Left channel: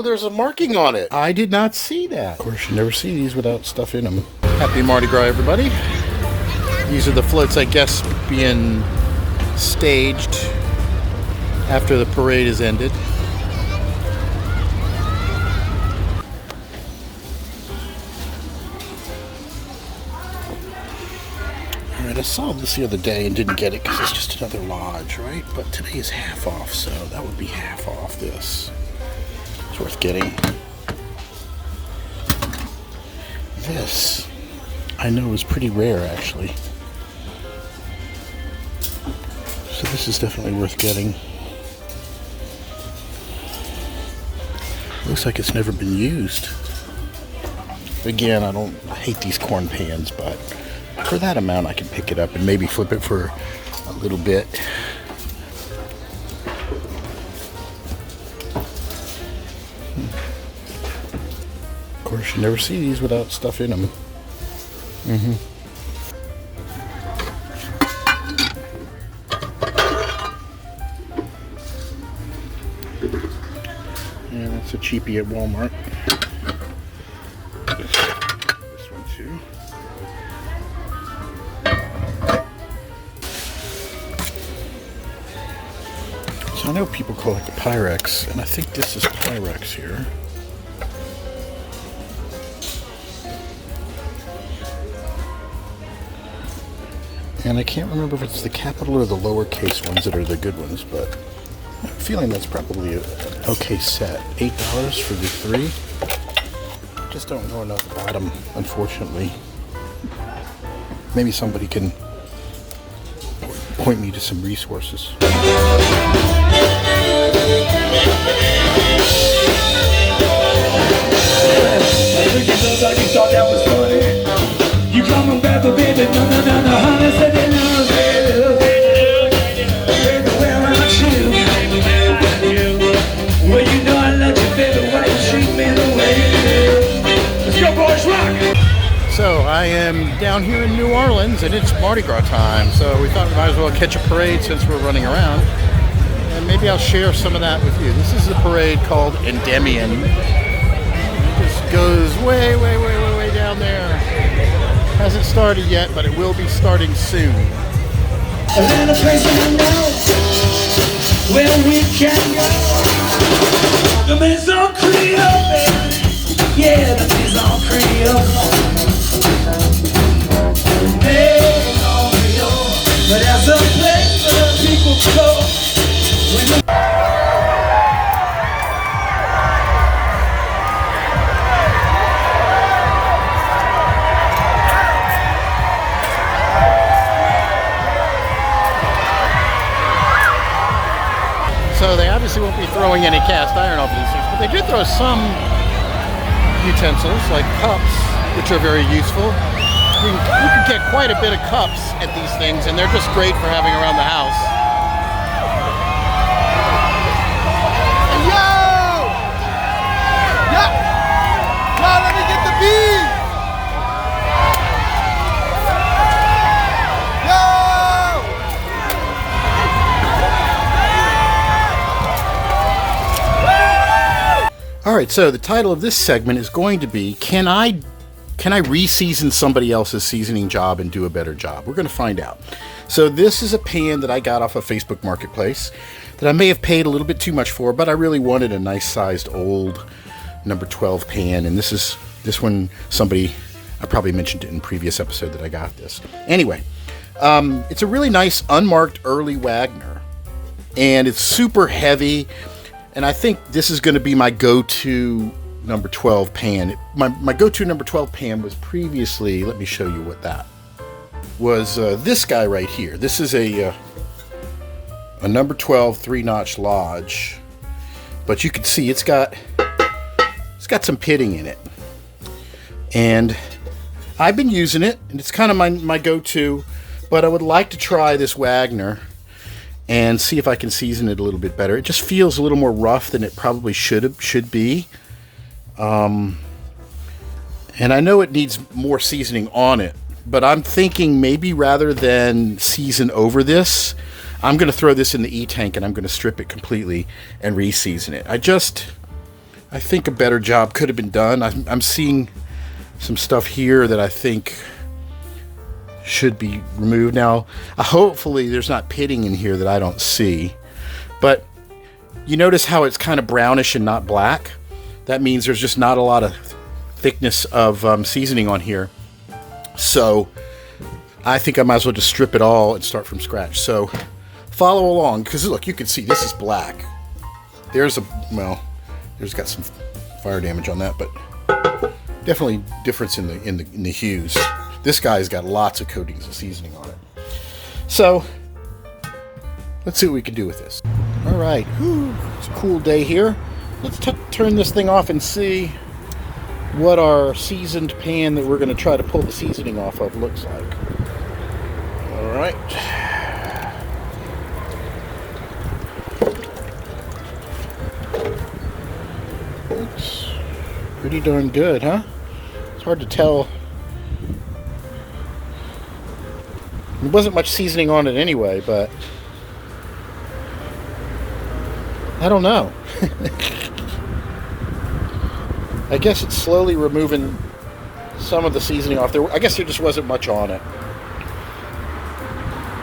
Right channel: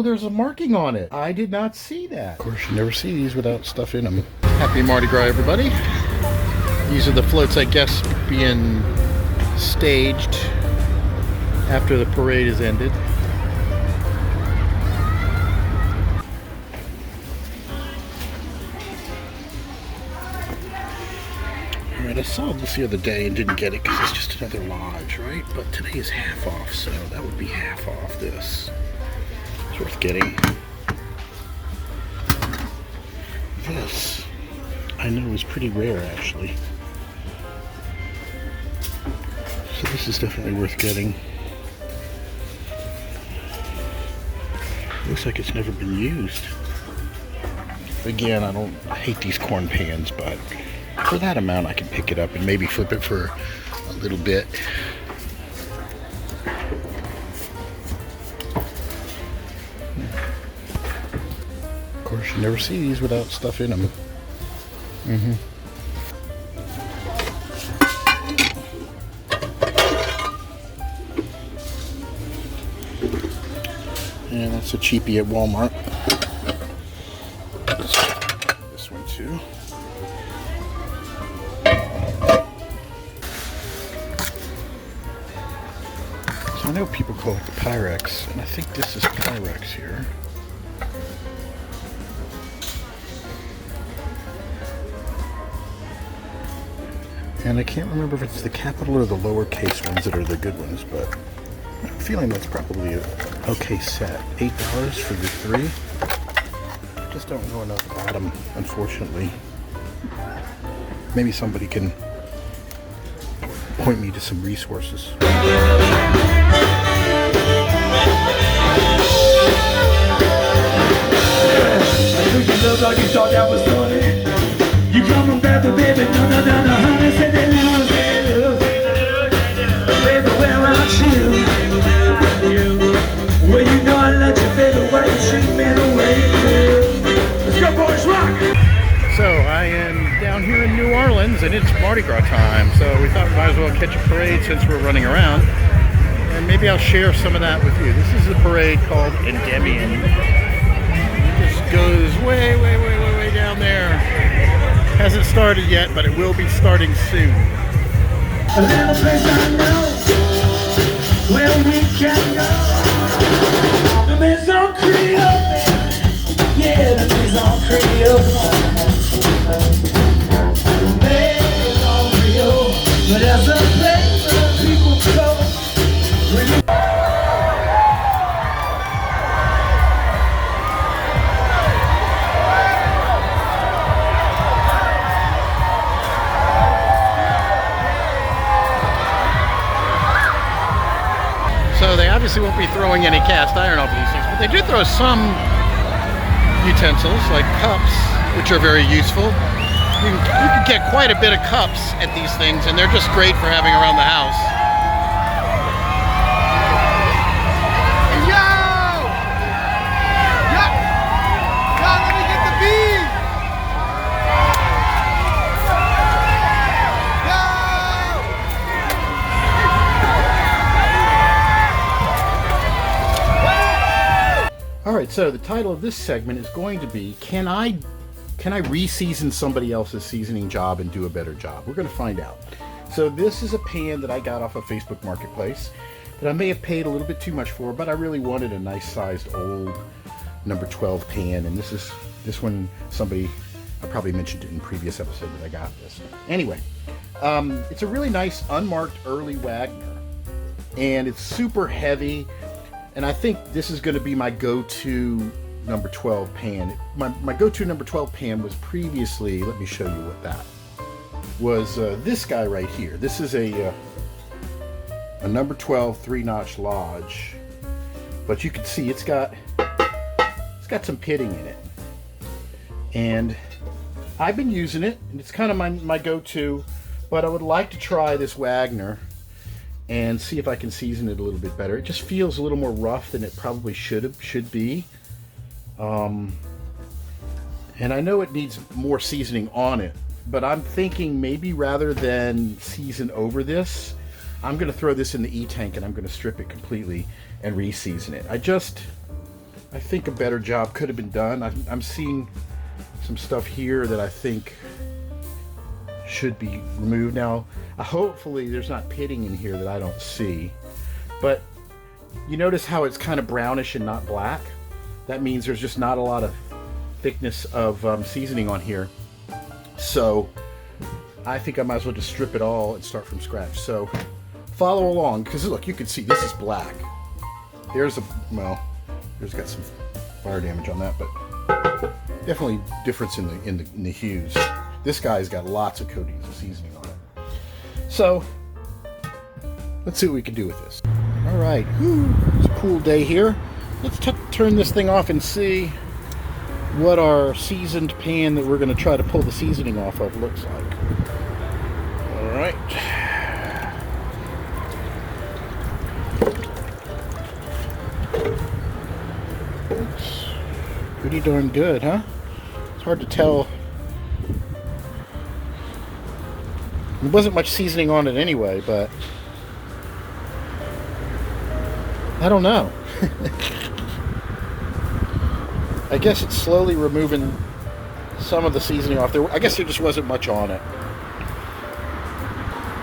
Oh, there's a marking on it. I did not see that. Of course, you never see these without stuff in them. Happy Mardi Gras, everybody. These are the floats, I guess, being staged after the parade is ended. Alright, I saw this the other day and didn't get it because it's just another lodge, right? But today is half off, so that would be half off this. It's worth getting. This, I know, is pretty rare, actually. So this is definitely worth getting. Looks like it's never been used. Again, I hate these corn pans, but for that amount I can pick it up and maybe flip it for a little bit. Of course, you never see these without stuff in them. Yeah, that's a cheapie at Walmart. This one too. So I know people call it the Pyrex, and I think this is Pyrex here. And I can't remember if it's the capital or the lowercase ones that are the good ones, but I'm feeling that's probably an okay set. $8 for the 3. Just don't know enough about them, unfortunately. Maybe somebody can point me to some resources. You come on, baby, baby, no, no, no, no, honey, say they love, baby, baby, where aren't you? Well, you know I love you, baby, why you treat me the way you do? Let's go, boys, rock! So, I am down here in New Orleans, and it's Mardi Gras time, so we thought we might as well catch a parade since we're running around, and maybe I'll share some of that with you. This is a parade called Endymion. It just goes way, way, way, way, way down there. Hasn't started yet, but it will be starting soon. A little place I know where we can go. The Maison Creole, yeah, the Maison Creole. Maison Creole, but that's a place where people go. When you So they obviously won't be throwing any cast iron over these things, but they do throw some utensils, like cups, which are very useful. You can get quite a bit of cups at these things, and they're just great for having around the house. Let me get the bees! Alright, so the title of this segment is going to be, Can I re-season somebody else's seasoning job and do a better job? We're going to find out. So this is a pan that I got off of Facebook Marketplace that I may have paid a little bit too much for, but I really wanted a nice sized old number 12 pan, and this one, somebody, I probably mentioned it in a previous episode that I got this. Anyway, it's a really nice unmarked early Wagner, and it's super heavy. And I think this is going to be my go-to number 12 pan. My go-to number 12 pan was previously, let me show you what that was, this guy right here. This is a number 12 3-notch Lodge, but you can see it's got some pitting in it. And I've been using it, and it's kind of my go-to, but I would like to try this Wagner and see if I can season it a little bit better. It just feels a little more rough than it probably should be. And I know it needs more seasoning on it, but I'm thinking maybe rather than season over this, I'm going to throw this in the E-tank and I'm going to strip it completely and re-season it. I think a better job could have been done. I'm seeing some stuff here that I think should be removed. Now, hopefully there's not pitting in here that I don't see. But you notice how it's kind of brownish and not black? That means there's just not a lot of thickness of seasoning on here. So I think I might as well just strip it all and start from scratch. So follow along, because look, you can see this is black. There's got some fire damage on that, but definitely difference in the hues. This guy's got lots of coatings of seasoning on it. So let's see what we can do with this. All right, it's a cool day here. Let's turn this thing off and see what our seasoned pan that we're going to try to pull the seasoning off of looks like. All right. Looks pretty darn good, huh? It's hard to tell. There wasn't much seasoning on it anyway, but I don't know. I guess it's slowly removing some of the seasoning off there. I guess there just wasn't much on it.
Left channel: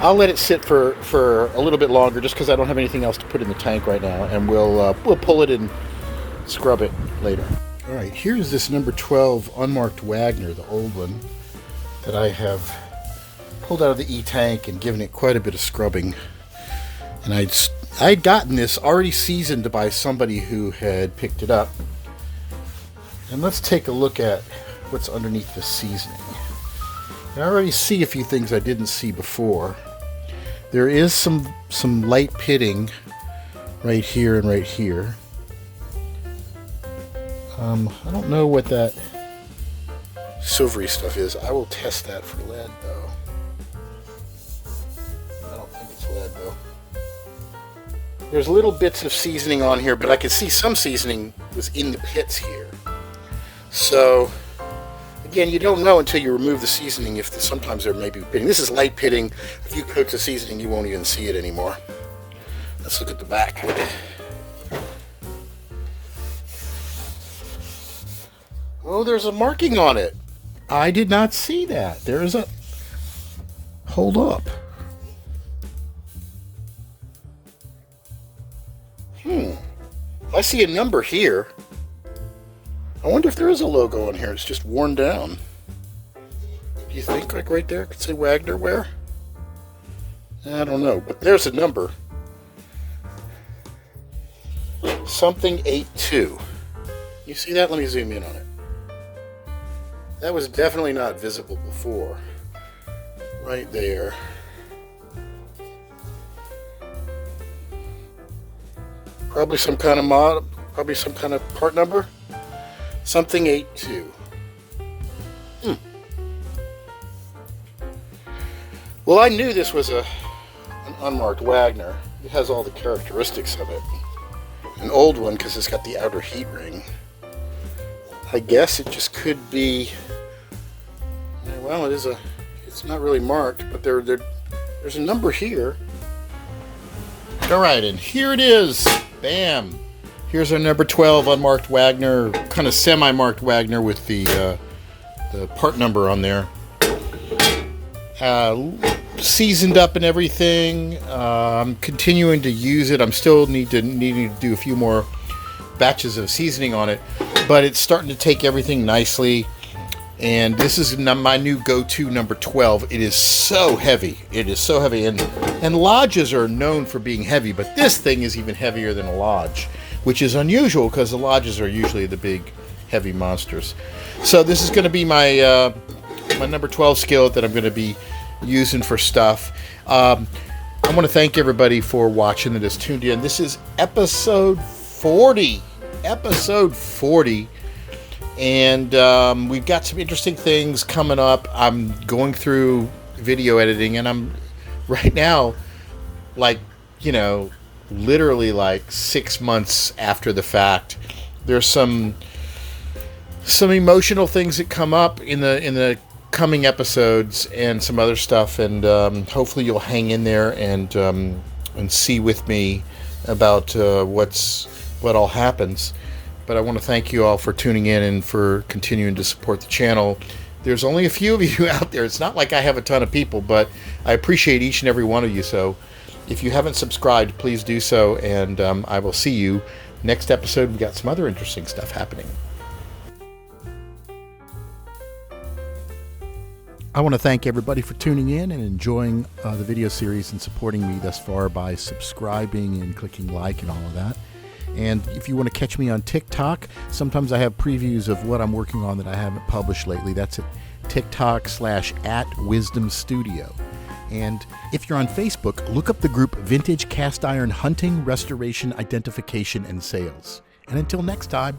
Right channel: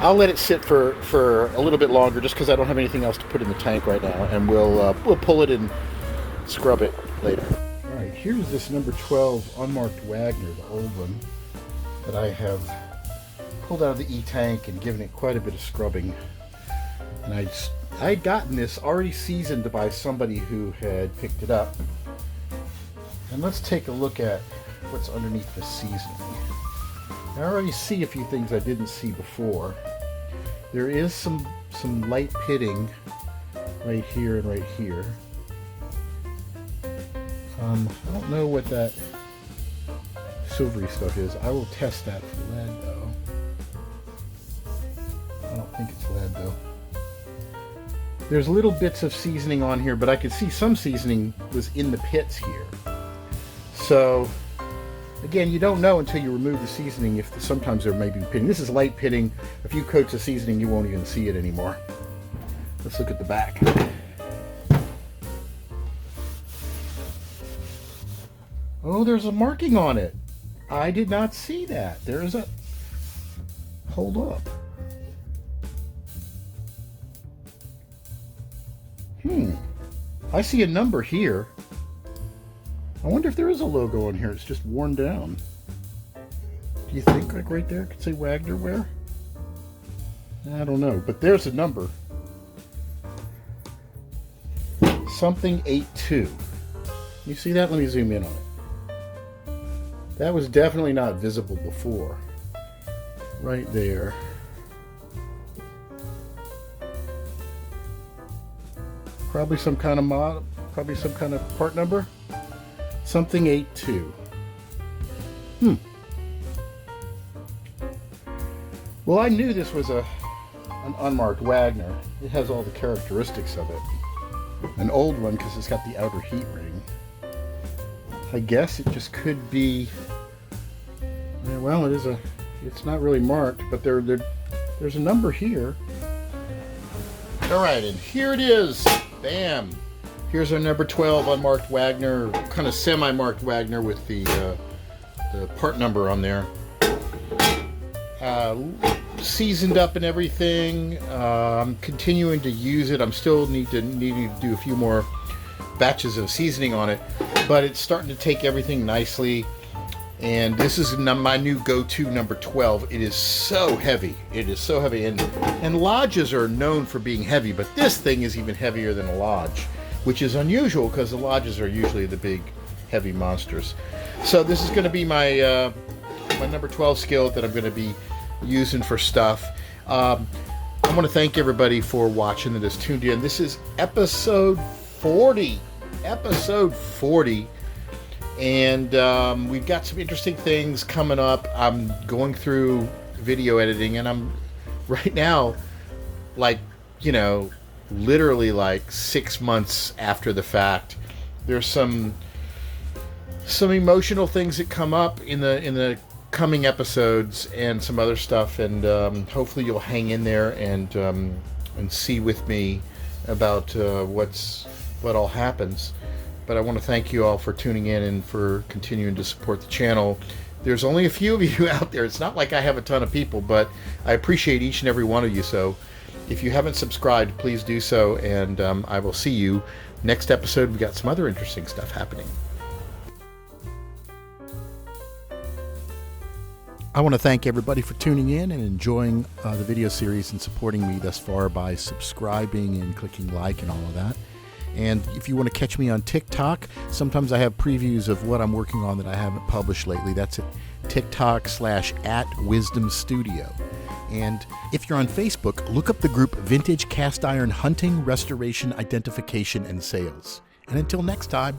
I'll let it sit for a little bit longer just because I don't have anything else to put in the tank right now, and we'll pull it and scrub it later. All right, here's this number 12 unmarked Wagner, the old one, that I have pulled out of the E-tank and given it quite a bit of scrubbing. And I'd gotten this already seasoned by somebody who had picked it up. And let's take a look at what's underneath the seasoning. I already see a few things I didn't see before. There is some light pitting right here and right here. I don't know what that silvery stuff is. I will test that for lead, though. I don't think it's lead, though. There's little bits of seasoning on here, but I could see some seasoning was in the pits here. So, again, you don't know until you remove the seasoning if sometimes there may be pitting. This is light pitting. A few coats of seasoning, you won't even see it anymore. Let's look at the back. Oh, there's a marking on it. I did not see that. There's a... Hold up. I see a number here. I wonder if there is a logo on here. It's just worn down. Do you think, like right there, it could say Wagner where? I don't know, but there's a number. Something 82. You see that? Let me zoom in on it. That was definitely not visible before. Right there. Probably some kind of mod, probably some kind of part number. Something 82. Well, I knew this was an unmarked Wagner. It has all the characteristics of it. An old one because it's got the outer heat ring. I guess it just could be. Yeah, well, it's not really marked, but there's a number here. All right, and here it is. Bam. Here's our number 12 unmarked Wagner, kind of semi-marked Wagner with the part number on there. Seasoned up and everything. I'm continuing to use it. I'm still needing to do a few more batches of seasoning on it, but it's starting to take everything nicely. And this is my new go-to number 12. It is so heavy. It is so heavy. And lodges are known for being heavy, but this thing is even heavier than a lodge, which is unusual because the lodges are usually the big, heavy monsters. So this is going to be my my number 12 skillet that I'm going to be using for stuff. I want to thank everybody for watching that has tuned in. This is episode 40. Episode 40. And we've got some interesting things coming up. I'm going through video editing, and I'm right now, like, literally like 6 months after the fact. There's some emotional things that come up in the coming episodes and some other stuff, and hopefully you'll hang in there and see with me about what all happens. but I want to thank you all for tuning in and for continuing to support the channel. There's only a few of you out there. It's not like I have a ton of people, but I appreciate each and every one of you. So if you haven't subscribed, please do so, and I will see you next episode. We've got some other interesting stuff happening. I want to thank everybody for tuning in and enjoying the video series and supporting me thus far by subscribing and clicking like and all of that. And if you want to catch me on TikTok, sometimes I have previews of what I'm working on that I haven't published lately. That's at TikTok/@Wisdom Studio. And if you're on Facebook, look up the group Vintage Cast Iron Hunting, Restoration, Identification, and Sales. And until next time.